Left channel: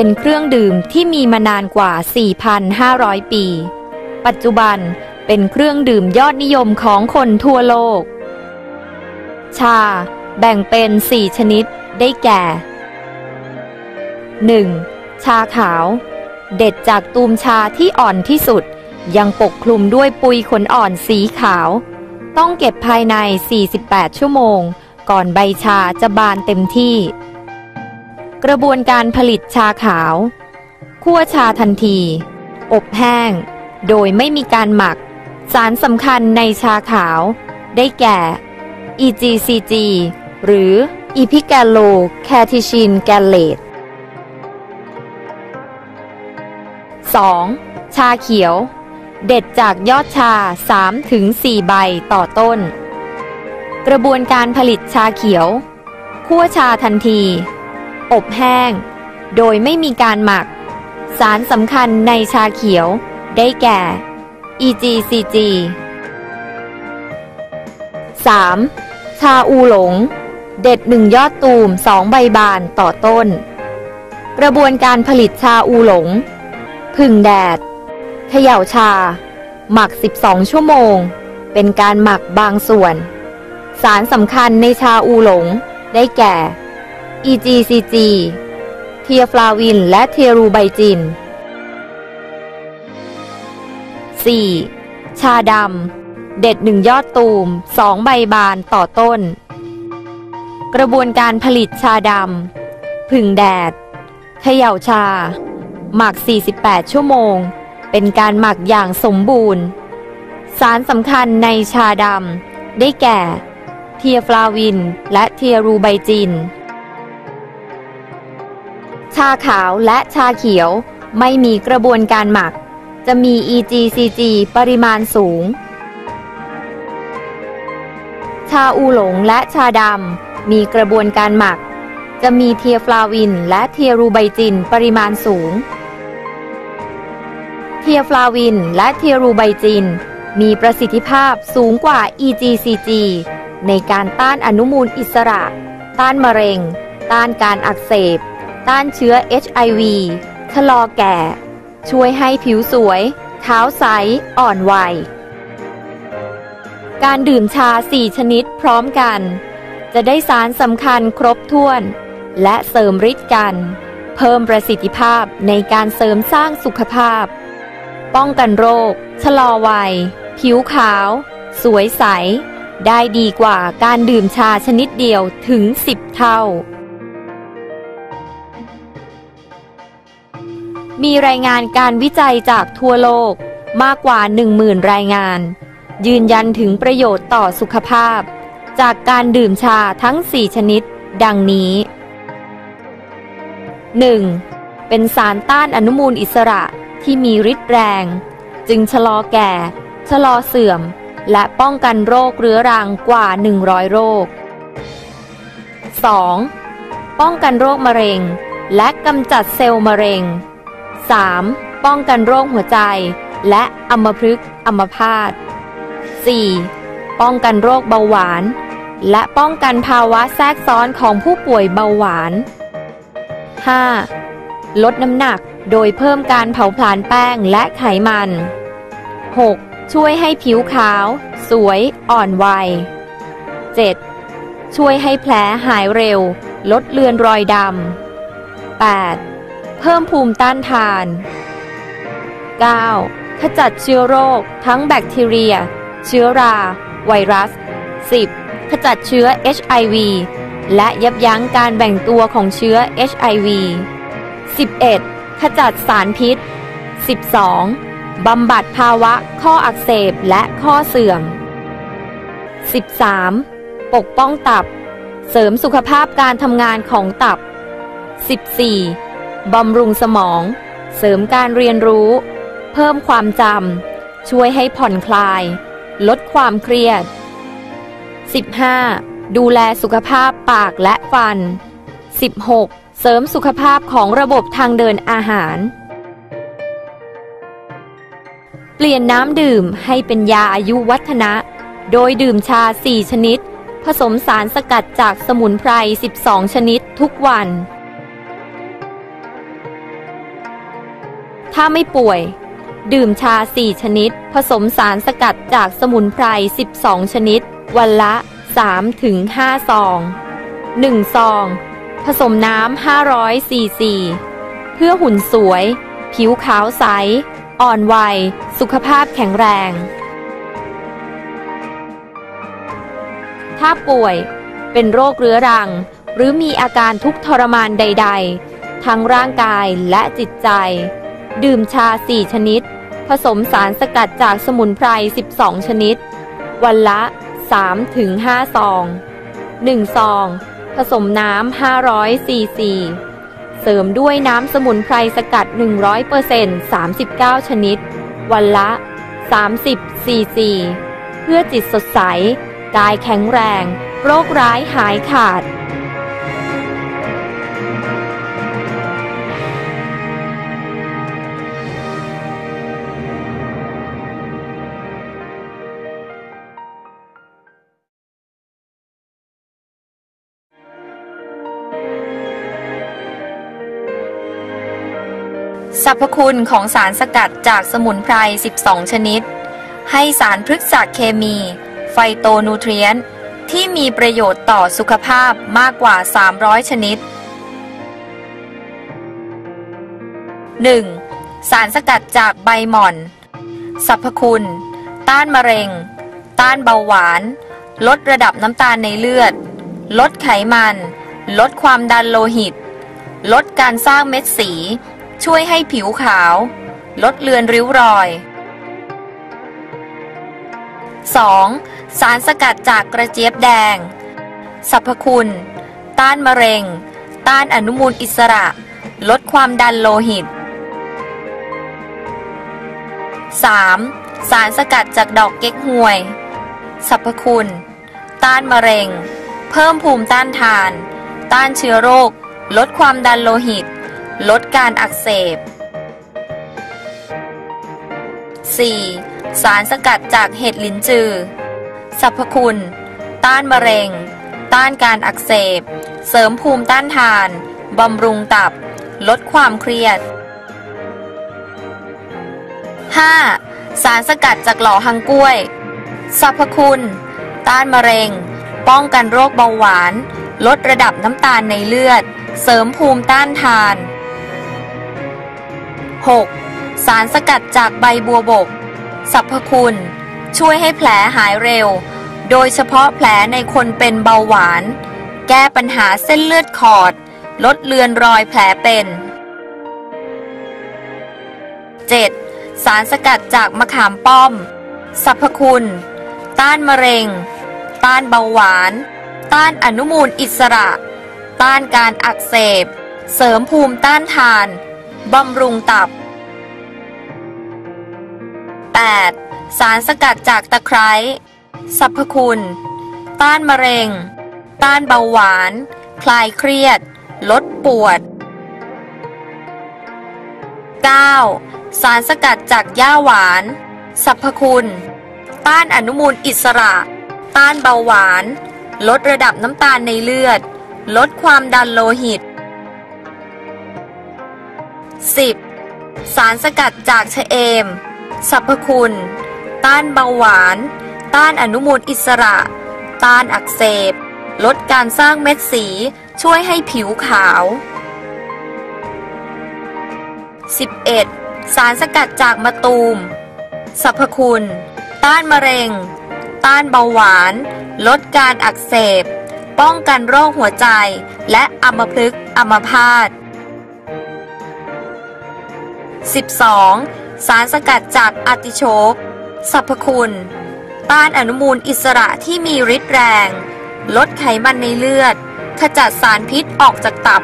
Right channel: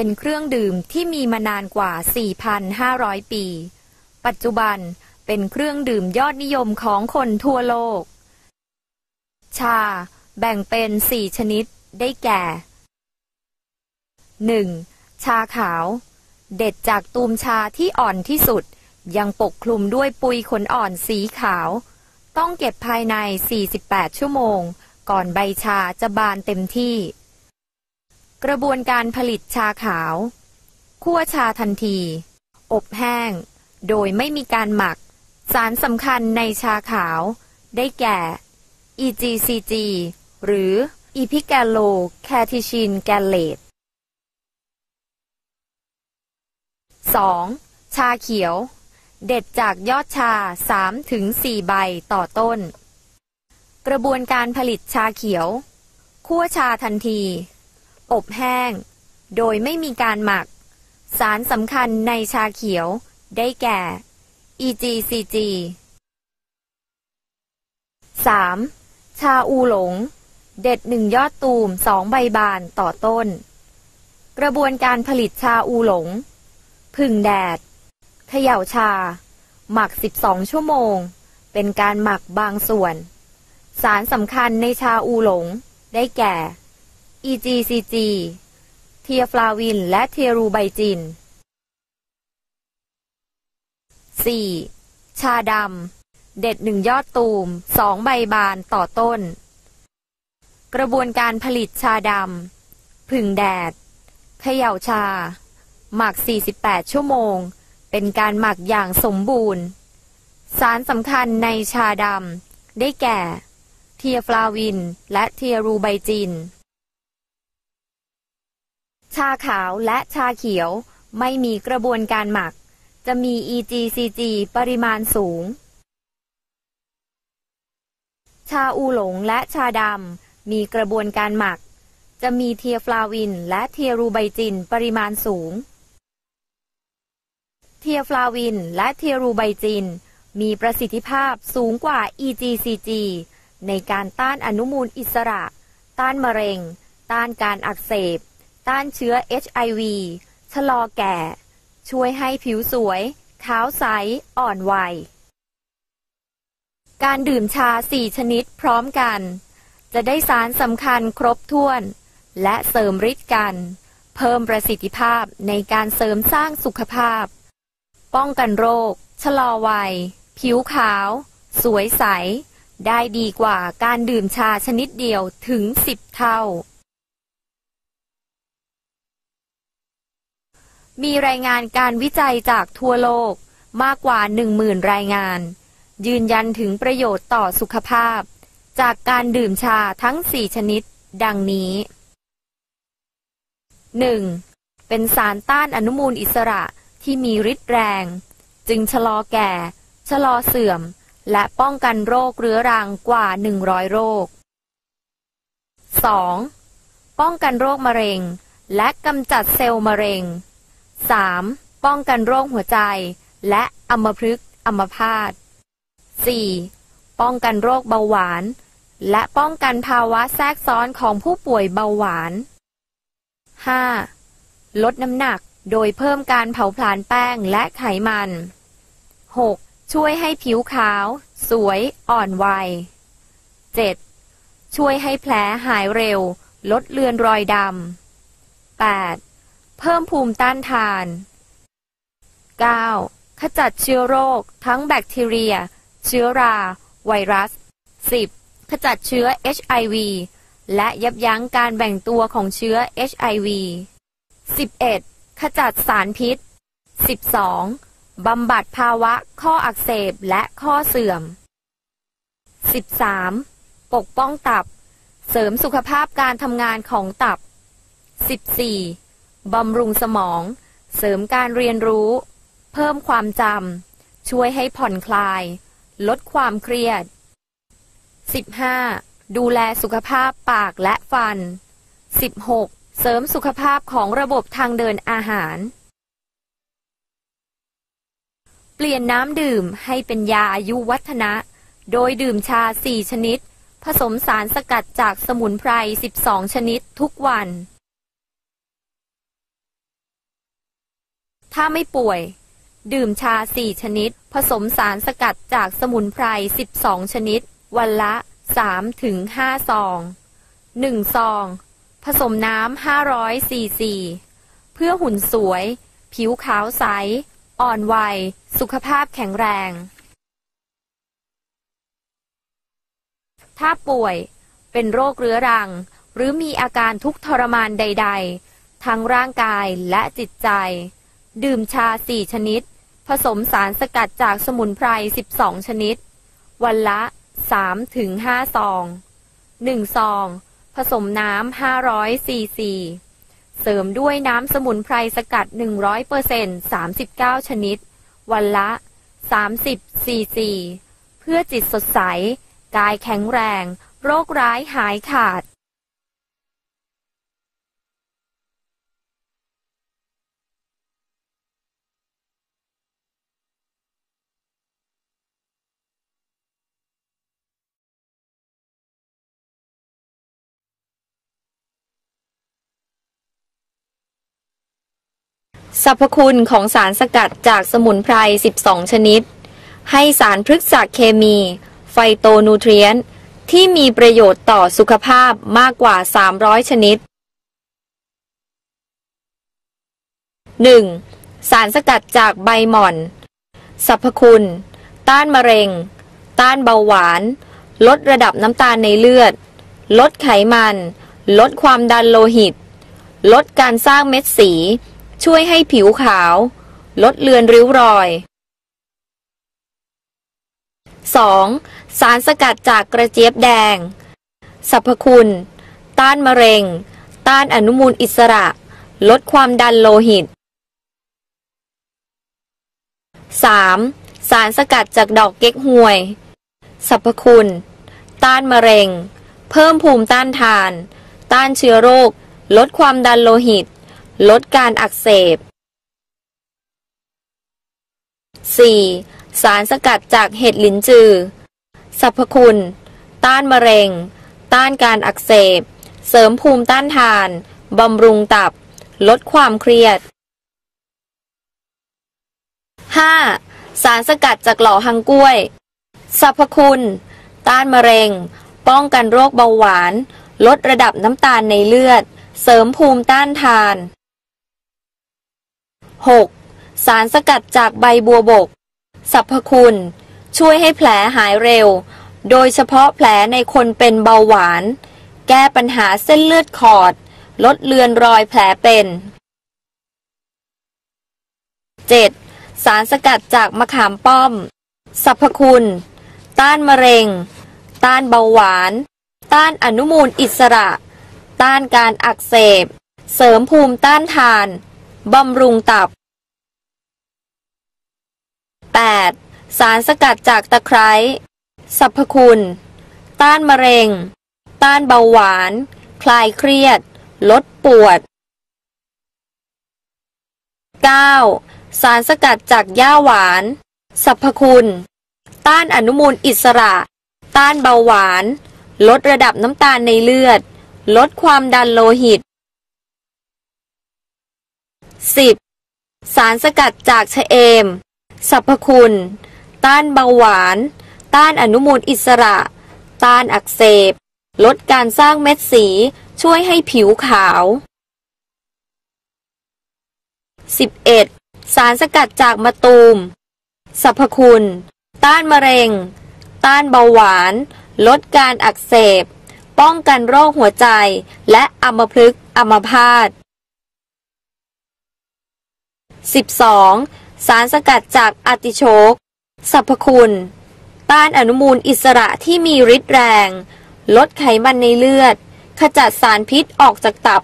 เป็นเครื่องดื่มที่มีมานานกว่า 4,500 ปี ปัจจุบันเป็นเครื่องดื่มยอดนิยมของคนทั่วโลก ชา แบ่งเป็น 4 ชนิดได้แก่ 1. ชาขาว เด็ดจากตูมชาที่อ่อนที่สุด ยังปกคลุมด้วยปุยขนอ่อนสีขาว ต้องเก็บภายใน 48 ชั่วโมง ก่อนใบชาจะบานเต็มที่ กระบวนการผลิตชาขาวคั่วชาทันที อบแห้ง โดยไม่มีการหมัก สารสำคัญในชาขาว ได้แก่ EGCG หรือ e p i g a l o c a t e c h i n g a l a t e 2. ชาเขียว เด็ดจากยอดชา 3-4 ใบต่อต้น กระบวนการผลิตชาเขียวคั่วชาทันที อบแห้ง โดยไม่มีการหมัก สารสำคัญในชาเขียว ได้แก่ EGCG 3. ชาอูหลง เด็ดหนึ่งยอดตูมสองใบบานต่อต้น กระบวนการผลิตชาอูหลง พึ่งแดดเขย่าชา หมัก 12 ชั่วโมง เป็นการหมักบางส่วน สารสำคัญในชาอูหลง ได้แก่ EGCG เทียฟลาวินและเทียรูไบจิน 4. ชาดำ เด็ดหนึ่งยอดตูมสองใบบานต่อต้น กระบวนการผลิตชาดำ ผึ่งแดด เขย่าชา หมัก 48 ชั่วโมง เป็นการหมักอย่างสมบูรณ์ สารสำคัญในชาดำ ได้แก่ เทียฟลาวินและเทียรูไบจิน ชาขาวและชาเขียว ไม่มีกระบวนการหมัก จะมี EGCG ปริมาณสูง ชาอูหลงและชาดำมีกระบวนการหมัก จะมีเทียฟลาวินและเทียรูไบจินปริมาณสูง เทียฟลาวินและเทียรูไบจิน มีประสิทธิภาพสูงกว่า EGCG ในการต้านอนุมูลอิสระ ต้านมะเร็ง ต้านการอักเสบ ต้านเชื้อ HIV ชะลอแก่ ช่วยให้ผิวสวย เท้าใส อ่อนวัย การดื่มชาสี่ชนิดพร้อมกัน จะได้สารสำคัญครบถ้วน และเสริมฤทธิ์กัน เพิ่มประสิทธิภาพในการเสริมสร้างสุขภาพ ป้องกันโรค ชะลอวัย ผิวขาว สวยใส ได้ดีกว่าการดื่มชาชนิดเดียวถึง 10 เท่า มีรายงานการวิจัยจากทั่วโลกมากกว่า 10,000 รายงาน ยืนยันถึงประโยชน์ต่อสุขภาพ จากการดื่มชาทั้ง 4 ชนิด ดังนี้ 1. เป็นสารต้านอนุมูลอิสระที่มีฤทธิ์แรง จึงชะลอแก่ ชะลอเสื่อม และป้องกันโรคเรื้อรังกว่า 100 โรค 2. ป้องกันโรคมะเร็ง และกำจัดเซลล์มะเร็ง 3. ป้องกันโรคหัวใจ และอัมพฤกษ์อัมพาต 4. ป้องกันโรคเบาหวาน และป้องกันภาวะแทรกซ้อนของผู้ป่วยเบาหวาน 5. ลดน้ำหนักโดยเพิ่มการเผาผลาญแป้งและไขมัน 6. ช่วยให้ผิวขาว สวย อ่อนวัย 7. ช่วยให้แผลหายเร็ว ลดเลือนรอยดำ 8. เพิ่มภูมิต้านทาน 9. ขจัดเชื้อโรค ทั้งแบคทีเรีย เชื้อรา ไวรัส 10. ขจัดเชื้อ HIV และยับยั้งการแบ่งตัวของเชื้อ HIV 11. ขจัดสารพิษ 12. บำบัดภาวะข้ออักเสบและข้อเสื่อม 13. ปกป้องตับ เสริมสุขภาพการทำงานของตับ 14. บำรุงสมอง เสริมการเรียนรู้ เพิ่มความจำ ช่วยให้ผ่อนคลาย ลดความเครียด 15. ดูแลสุขภาพปากและฟัน 16. เสริมสุขภาพของระบบทางเดินอาหาร เปลี่ยนน้ำดื่มให้เป็นยาอายุวัฒนะ โดยดื่มชา 4 ชนิด ผสมสารสกัดจากสมุนไพร 12 ชนิดทุกวัน ถ้าไม่ป่วย ดื่มชา 4 ชนิด ผสมสารสกัดจากสมุนไพร 12 ชนิด วันละ 3-5ซอง 1 ซอง ผสมน้ำ500ซีซี เพื่อหุ่นสวย ผิวขาวใส อ่อนวัย สุขภาพแข็งแรง ถ้าป่วยเป็นโรคเรื้อรัง หรือมีอาการทุกข์ทรมานใด ๆ ทั้งร่างกายและจิตใจ ดื่มชา 4 ชนิด ผสมสารสกัดจากสมุนไพร 12 ชนิด วันละ 3-5 ซอง 1 ซอง ผสมน้ำ 500 ซีซี เสริมด้วยน้ำสมุนไพรสกัด 100% 39 ชนิด วันละ 30 ซีซี เพื่อจิตสดใส กายแข็งแรง โรคร้ายหายขาด สรรพคุณของสารสกัดจากสมุนไพร 12 ชนิด ให้สารพฤกษเคมี ไฟโตนูเทรียนที่มีประโยชน์ต่อสุขภาพมากกว่า 300 ชนิด 1. สารสกัดจากใบหม่อน สรรพคุณ ต้านมะเร็ง ต้านเบาหวาน ลดระดับน้ำตาลในเลือด ลดไขมัน ลดความดันโลหิต ลดการสร้างเม็ดสี ช่วยให้ผิวขาว ลดเลือนริ้วรอย 2. สารสกัดจากกระเจี๊ยบแดง สรรพคุณ ต้านมะเร็ง ต้านอนุมูลอิสระ ลดความดันโลหิต 3. สารสกัดจากดอกเก๊กฮวย สรรพคุณ ต้านมะเร็ง เพิ่มภูมิต้านทาน ต้านเชื้อโรค ลดความดันโลหิต ลดการอักเสบ 4. สารสกัดจากเห็ดลินจือ สรรพคุณ ต้านมะเร็ง ต้านการอักเสบ เสริมภูมิต้านทาน บำรุงตับ ลดความเครียด 5. สารสกัดจากหล่อหังกล้วย สรรพคุณ ต้านมะเร็ง ป้องกันโรคเบาหวาน ลดระดับน้ำตาลในเลือด เสริมภูมิต้านทาน 6. สารสกัดจากใบบัวบก สรรพคุณ ช่วยให้แผลหายเร็ว โดยเฉพาะแผลในคนเป็นเบาหวาน แก้ปัญหาเส้นเลือดขอด ลดเลือนรอยแผลเป็น 7. สารสกัดจากมะขามป้อม สรรพคุณ ต้านมะเร็ง ต้านเบาหวาน ต้านอนุมูลอิสระ ต้านการอักเสบ เสริมภูมิต้านทาน บำรุงตับ 8. สารสกัดจากตะไคร้สรรพคุณ ต้านมะเร็ง ต้านเบาหวาน คลายเครียด ลดปวด 9. สารสกัดจากหญ้าหวานสรรพคุณ ต้านอนุมูลอิสระ ต้านเบาหวาน ลดระดับน้ำตาลในเลือด ลดความดันโลหิต 10. สารสกัดจากชะเอม สรรพคุณ ต้านเบาหวาน ต้านอนุมูลอิสระ ต้านอักเสบ ลดการสร้างเม็ดสี ช่วยให้ผิวขาว 11. สารสกัดจากมะตูม สรรพคุณ ต้านมะเร็ง ต้านเบาหวาน ลดการอักเสบ ป้องกันโรคหัวใจ และอัมพฤกษ์อัมพาต 12. สารสกัดจากอติโชกสรรพคุณ ต้านอนุมูลอิสระที่มีฤทธิ์แรง ลดไขมันในเลือด ขจัดสารพิษออกจากตับ